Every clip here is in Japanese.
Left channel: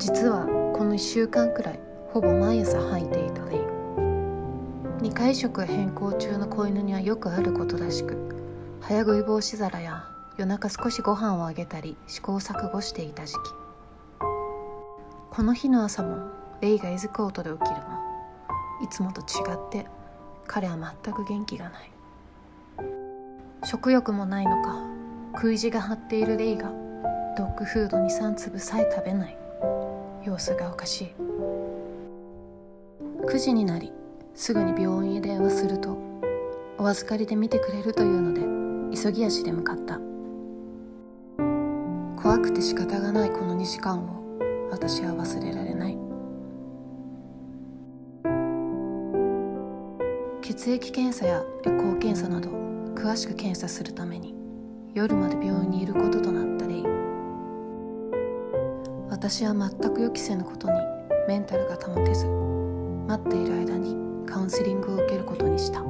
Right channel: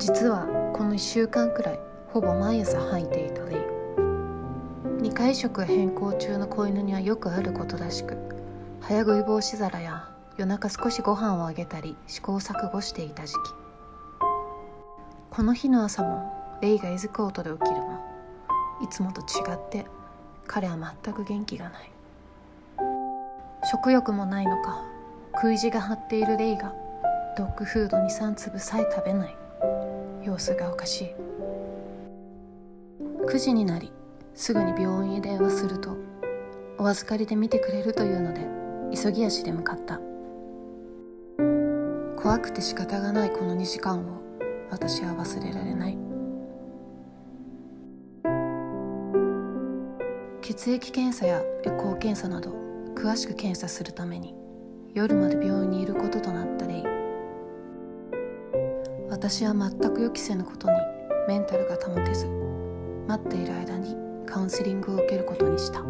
実はこの1週間くらいほぼ毎朝吐いていたレイ。2回食変更中の子犬にはよくあることらしく、早食い防止皿や夜中少しご飯をあげたり試行錯誤していた時期。この日の朝もレイがえずく音で起きるも、いつもと違って彼は全く元気がない。食欲もないのか、食い地が張っているレイがドッグフード 2,3 粒さえ食べない。様子がおかしい。9時になり、すぐに病院へ電話すると、お預かりで見てくれるというので急ぎ足で向かった。怖くて仕方がないこの2時間を私は忘れられない。血液検査やエコー検査など詳しく検査するために夜まで病院にいることとなったレイ。私は全く予期せぬことにメンタルが保てず、待っている間にカウンセリングを受けることにした。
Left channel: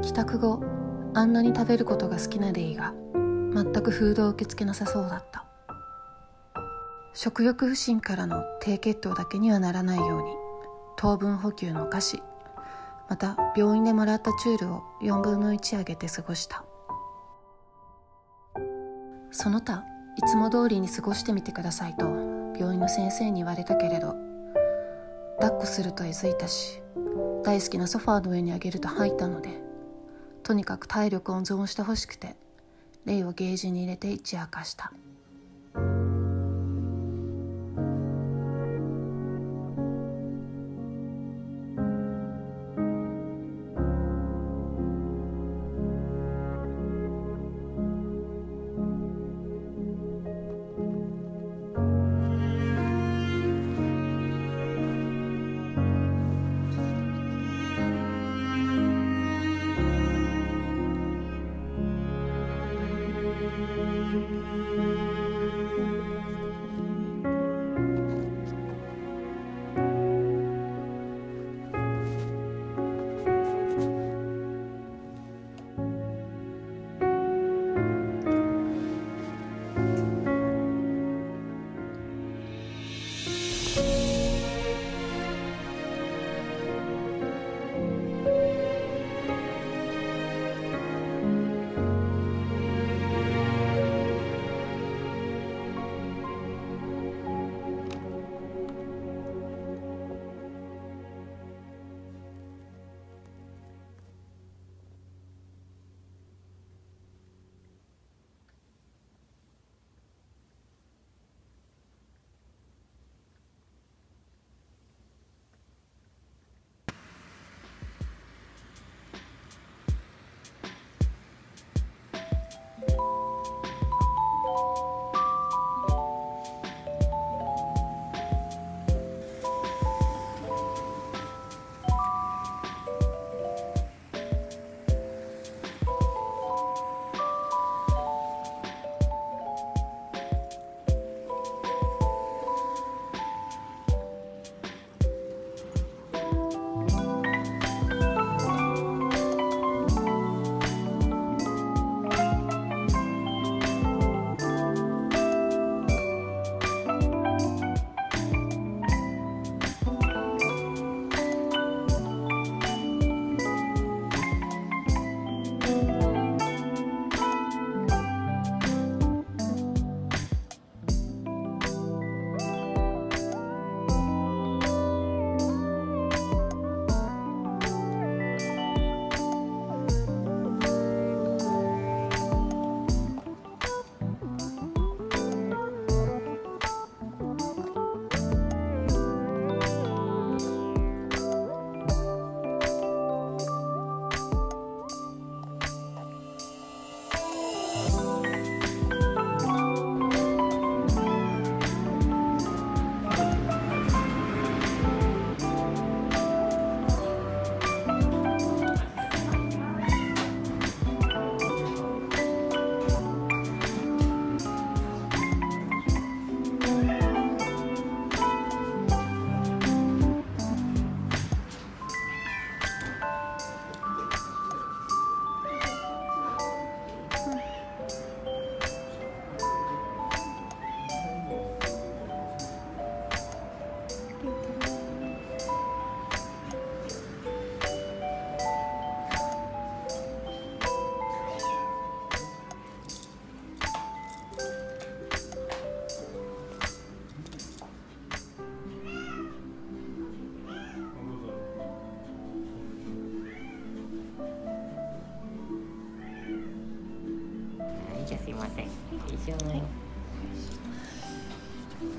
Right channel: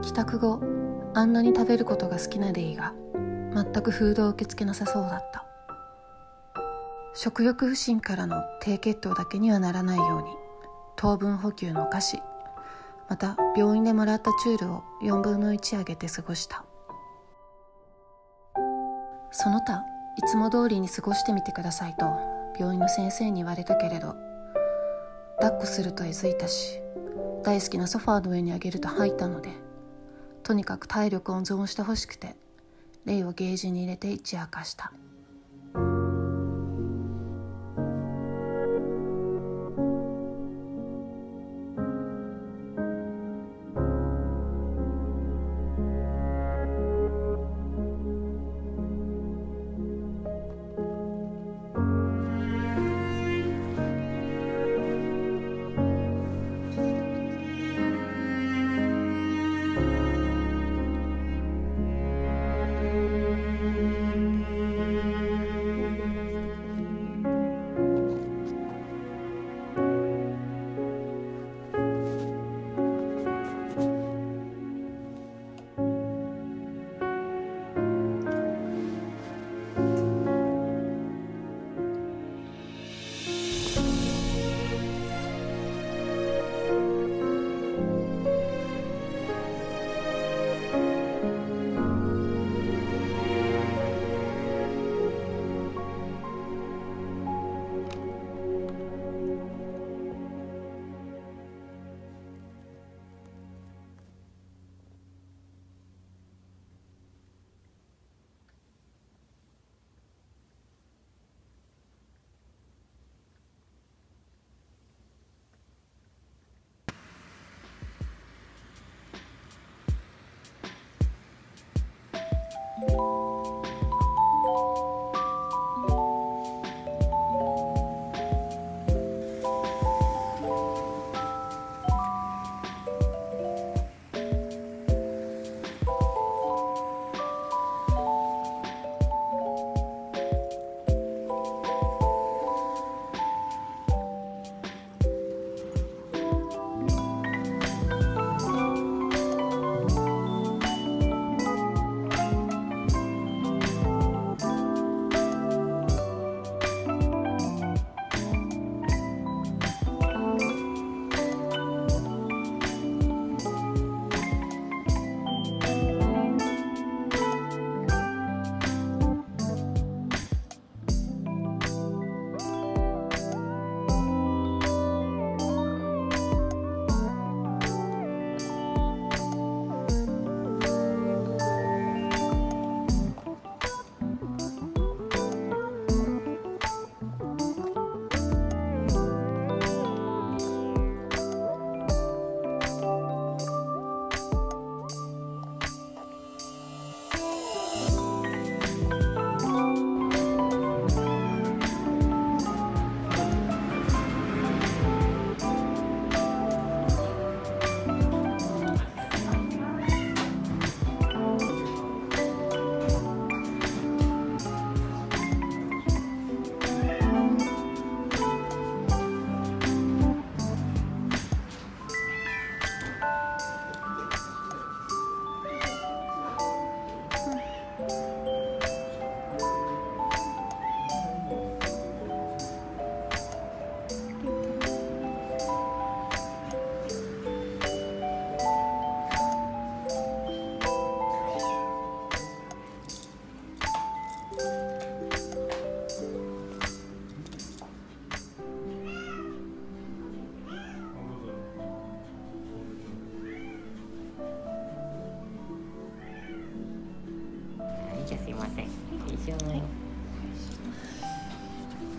帰宅後、あんなに食べることが好きなレイが全くフードを受け付けなさそうだった。食欲不振からの低血糖だけにはならないように糖分補給のお菓子、また病院でもらったチュールを4分の1あげて過ごした。その他いつも通りに過ごしてみてくださいと病院の先生に言われたけれど、抱っこするとえずいたし、大好きなソファーの上にあげると吐いたので、とにかく体力温存してほしくてレイをゲージに入れて一夜明かした。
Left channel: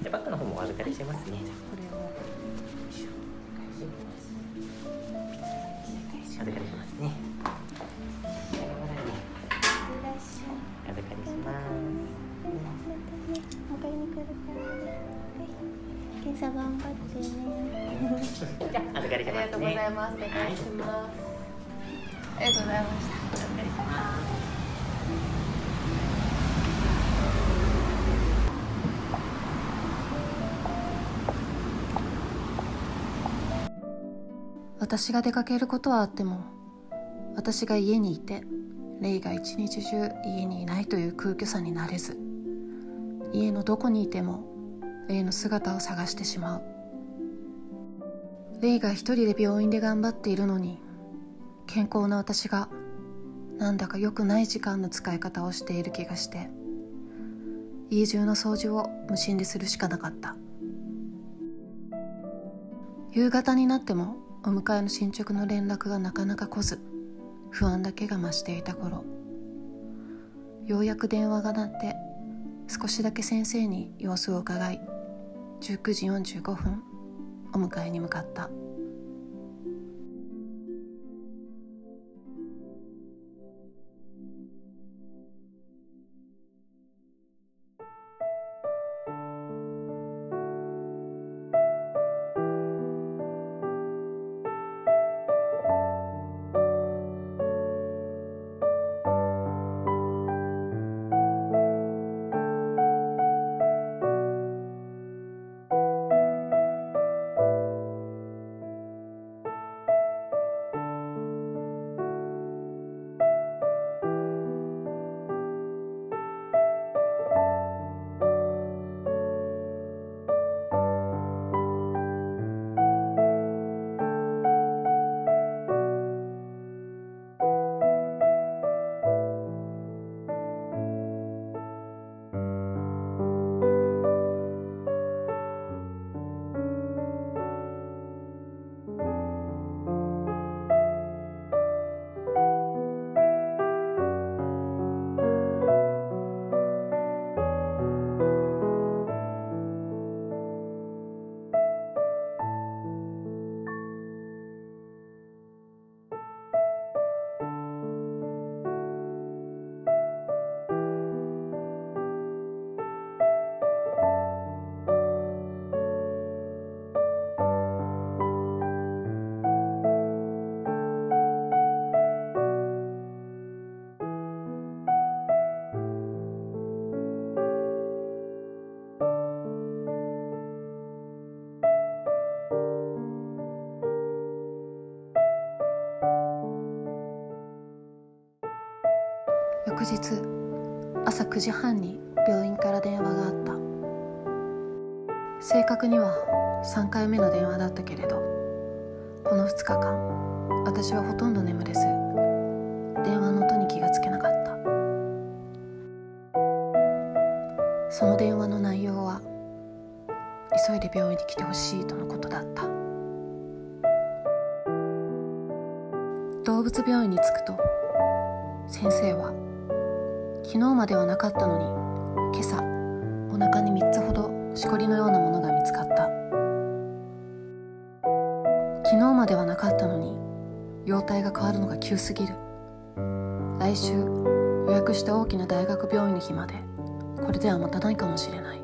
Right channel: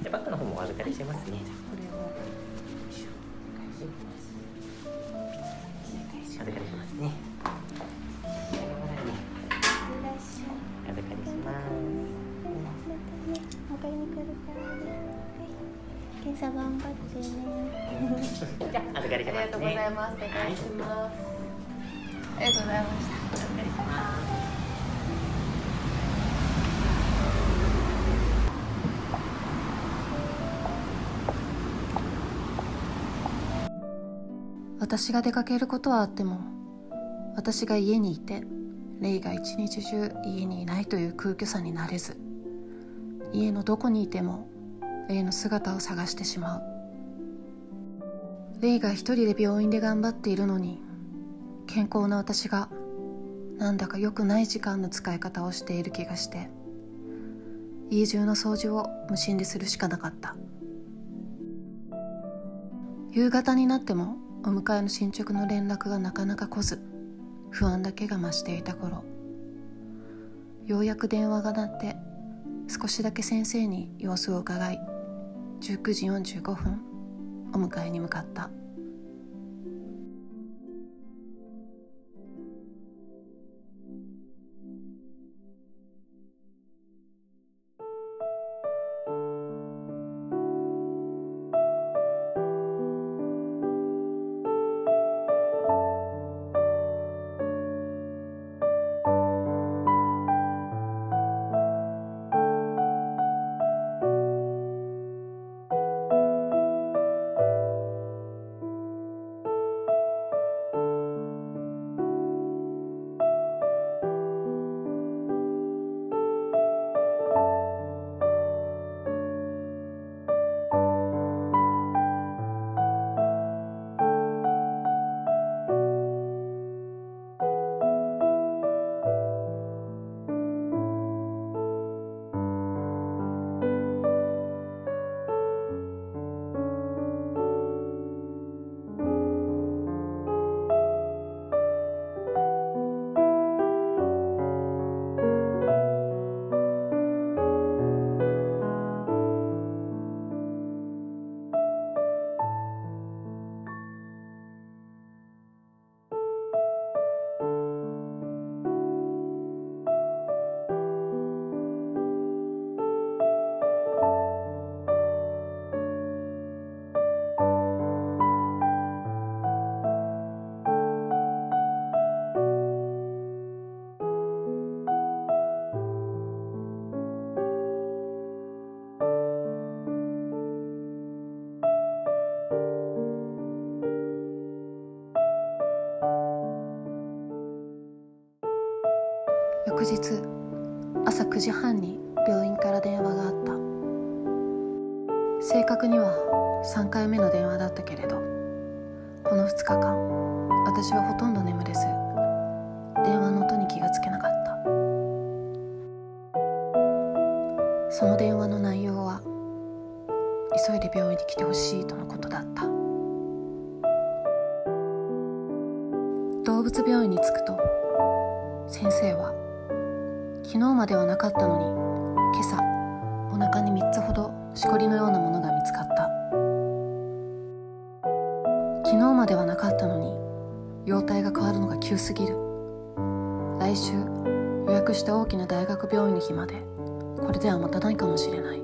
ゃあバッグの方もお預かりしますね。これを預かりしますね。預かりします。迎えに来るからね。検査頑張ってね。じゃあ預かりしますね。ありがとうございます。お願いします。ありがとうございました。預かりします。私が出かけることはあっても、私が家にいてレイが一日中家にいないという空虚さになれず、家のどこにいてもレイの姿を探してしまう。レイが一人で病院で頑張っているのに、健康な私がなんだか良くない時間の使い方をしている気がして、家中の掃除を無心でするしかなかった。夕方になってもお迎えの進捗の連絡がなかなか来ず、不安だけが増していた頃、ようやく電話が鳴って少しだけ先生に様子を伺い、19時45分お迎えに向かった。翌日朝9時半に病院から電話があった。正確には3回目の電話だったけれど、この2日間私はほとんど眠れず、電話の音に気がつけなかった。その電話の内容は、急いで病院に来てほしいとのことだった。動物病院に着くと、先生は昨日まではなかったのに今朝お腹に3つほどしこりのようなものが見つかった。昨日まではなかったのに容体が変わるのが急すぎる。来週予約した大きな大学病院の日までこれでは待たないかもしれない。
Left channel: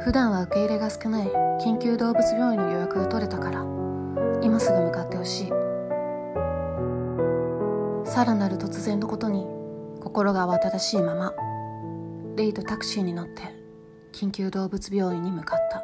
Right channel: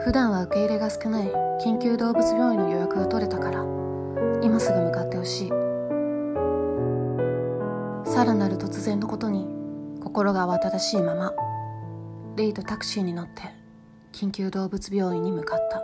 普段は受け入れが少ない緊急動物病院の予約が取れたから今すぐ向かってほしい。さらなる突然のことに心が慌ただしいまま、レイとタクシーに乗って緊急動物病院に向かった。